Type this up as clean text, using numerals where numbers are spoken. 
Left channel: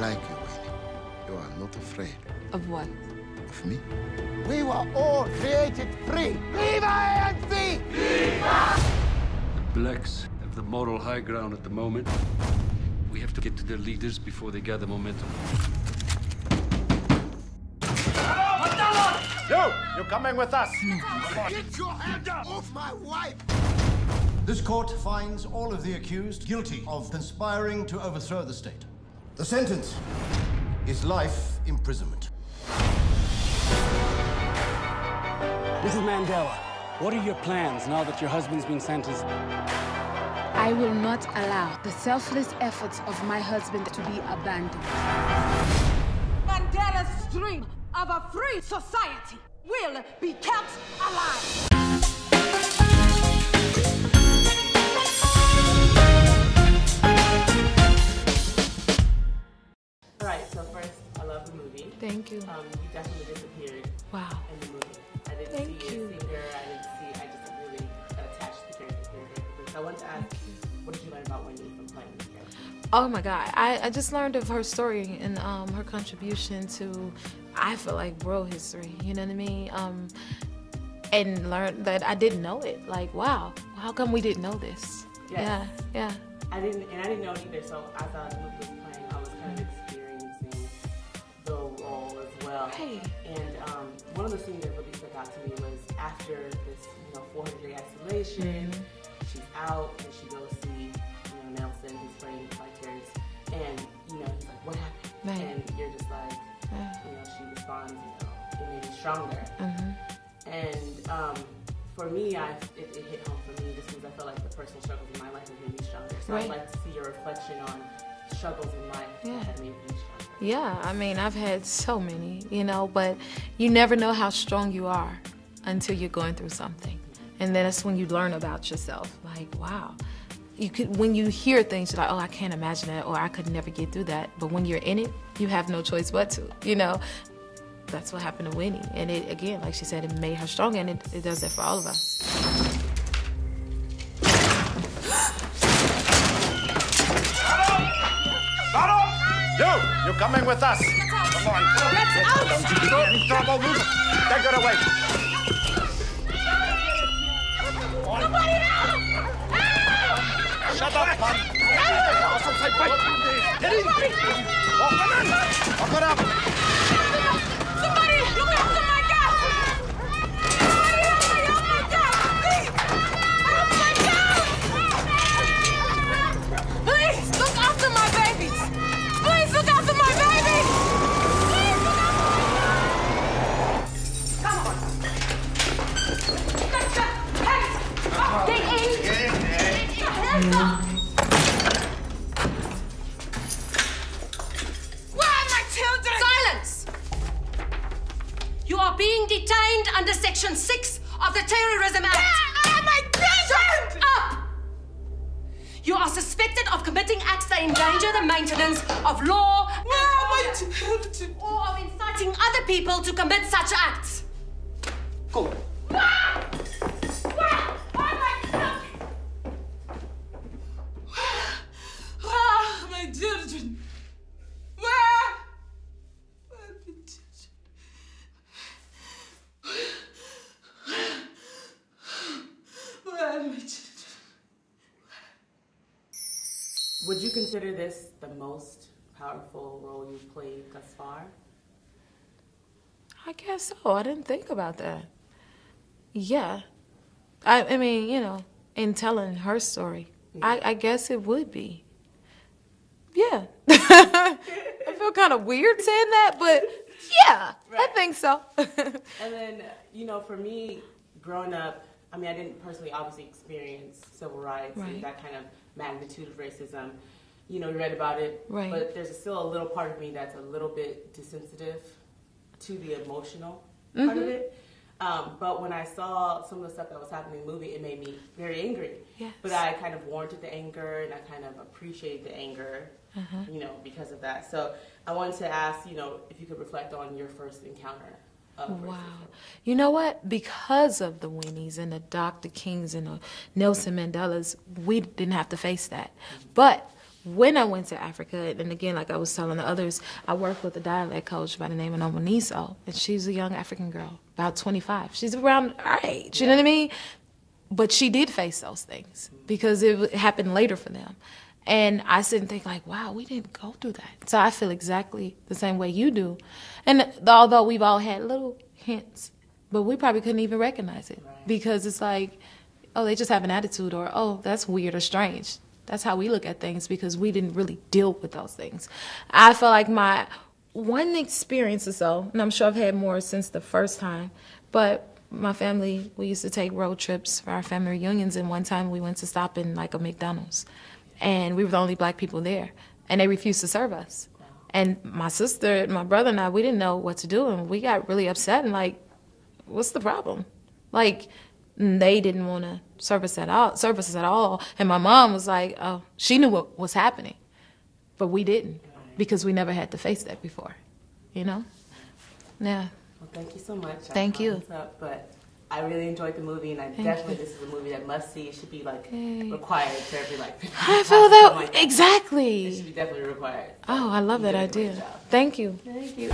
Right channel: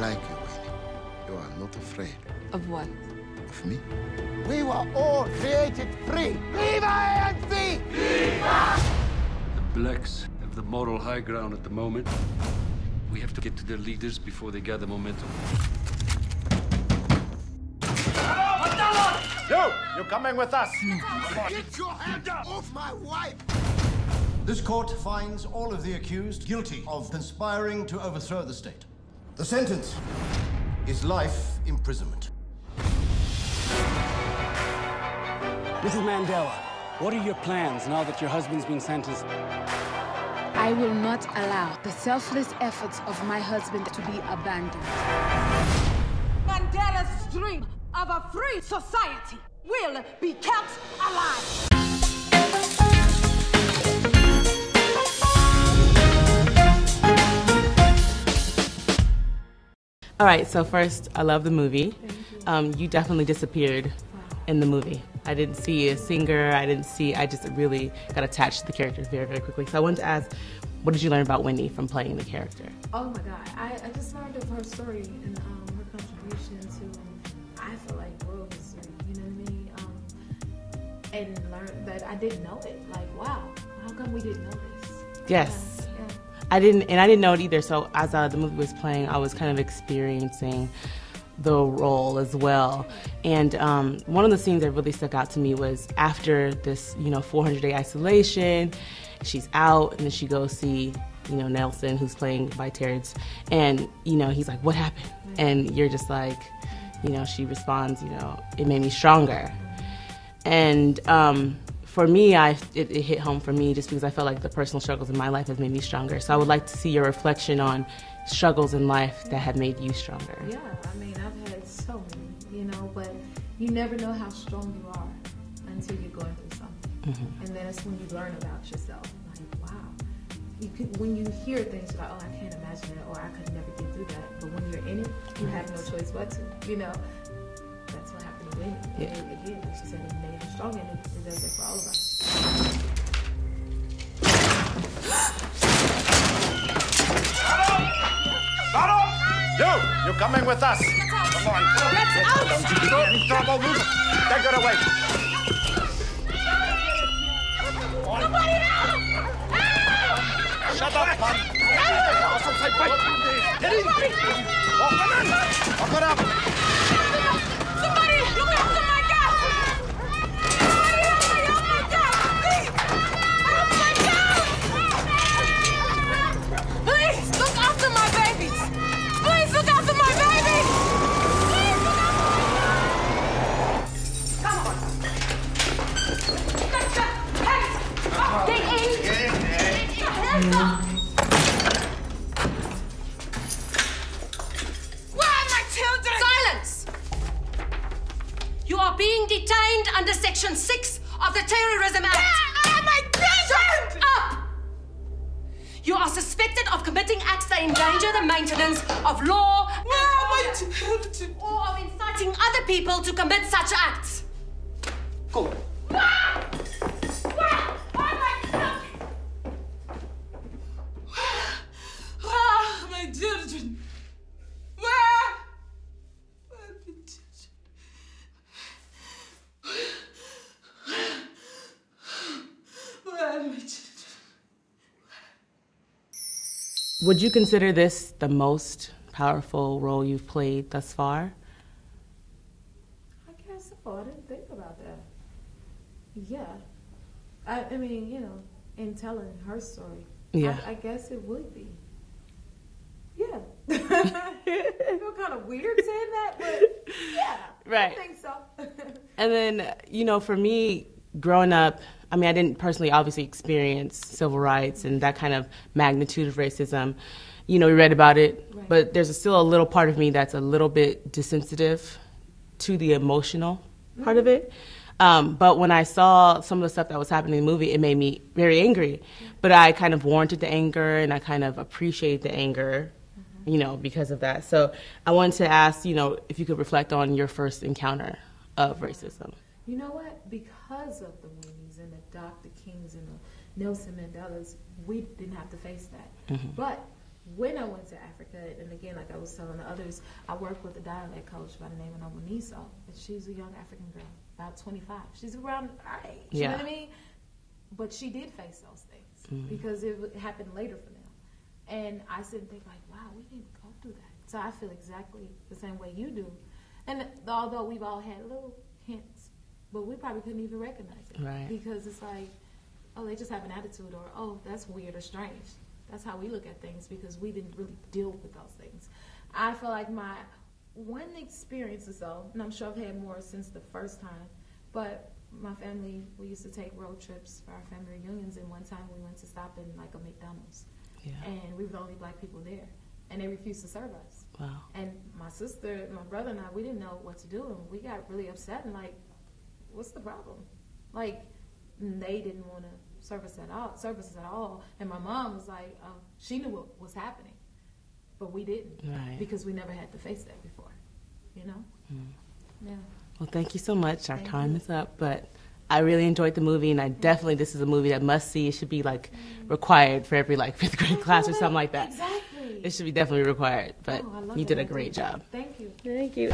like you, Winnie. You are not afraid. Of what? Of me? We were all created free. Viva ANC! Viva! The blacks have the moral high ground at the moment. We have to get to their leaders before they gather momentum. You're coming with us. Get your hand off my wife! This court finds all of the accused guilty of conspiring to overthrow the state. The sentence is life imprisonment. Mrs. Mandela, what are your plans now that your husband's been sentenced? I will not allow the selfless efforts of my husband to be abandoned. Mandela's dream of a free society will be kept alive. All right, so first, I love the movie. Thank you. You definitely disappeared in the movie. I didn't see a singer, I just really got attached to the character very, very quickly. So I wanted to ask, what did you learn about Wendy from playing the character? Oh my God, I just learned of her story and her contribution to, I feel like, world history, you know what I mean? And learned that I didn't know it. Like, wow, how come we didn't know this? Yes. Yeah. I didn't know it either, so as the movie was playing, I was kind of experiencing the role as well. Right. And one of the scenes that really stuck out to me was after this, 400-day isolation, she's out, and then she goes see, Nelson, who's playing by Terrence, and, he's like, what happened? Right. And you're just like, she responds, it made me stronger. And for me, it hit home for me just because I felt like the personal struggles in my life have made me stronger. So I would like to see your reflection on struggles in life that have made you stronger. Yeah, I mean, I've had so many, but you never know how strong you are until you're going through something. And then that's when you learn about yourself. Like, wow. When you hear things, you're like, oh, I can't imagine that, or I could never get through that. But when you're in it, you have no choice but to, That's what happened to Winnie. And it, again, like she said, it made her stronger, and it does that for all of us. You're coming with us. Come on. Let's out! Don't you get in trouble. Move. Take her away. Somebody help! Shut up, man. Get in. Walk it up. Somebody look after my gas! Somebody help me! Oh my God! Please! Help my gas! Please look after my babies! Please look after my babies! Please look after my... Come on! Hands up! Get in! Get in there. Hands up! Where are my children? Silence! You are being detained under Section 6 of the Terrorism Act. Where are my children? Shut up! You are suspected of committing acts that endanger the maintenance of law Where are my children? or of inciting other people to commit such acts. Go. Where are my children? Where are my children? Where are my children? Where are my children? Would you consider this the most powerful role you've played thus far? I guess so. I didn't think about that. Yeah. I mean, in telling her story, I guess it would be. Yeah. I feel kind of weird saying that, but yeah, I think so. And then, for me, growing up, I didn't personally obviously experience civil rights and that kind of magnitude of racism. We read about it, but there's still a little part of me that's a little bit desensitive to the emotional part of it. But when I saw some of the stuff that was happening in the movie, it made me very angry. Yes. But I kind of warranted the anger, and I kind of appreciate the anger, because of that. So I wanted to ask, if you could reflect on your first encounter of racism. You know what? Because of the Winnies and the Dr. Kings and the Nelson Mandelas, we didn't have to face that. But when I went to Africa, and again, like I was telling the others, I worked with a dialect coach by the name of Nomoniso, and she's a young African girl, about 25. She's around our age, you know what I mean? But she did face those things because it happened later for them. And I sit and think like, wow, we didn't go through that. So I feel exactly the same way you do. And although we've all had little hints, but we probably couldn't even recognize it because it's like, oh, they just have an attitude, or, oh, that's weird or strange. That's how we look at things because we didn't really deal with those things. I feel like my one experience or so, and I'm sure I've had more since the first time, but my family, we used to take road trips for our family reunions, and one time we went to stop in like a McDonald's, and we were the only black people there, and they refused to serve us. Wow. And my sister, my brother and I, we didn't know what to do, and we got really upset and like, what's the problem? Like, they didn't want to serve us at all. And my mom was like, oh, she knew what was happening, but we didn't because we never had to face that before, you know? Yeah. Well, thank you so much. Thank you. But I really enjoyed the movie, and this is a movie that must see. It should be like required for every like fifth grade class or something like that. Exactly. It should be definitely required. Oh, I love that idea. You did a great job. Thank you. Thank you.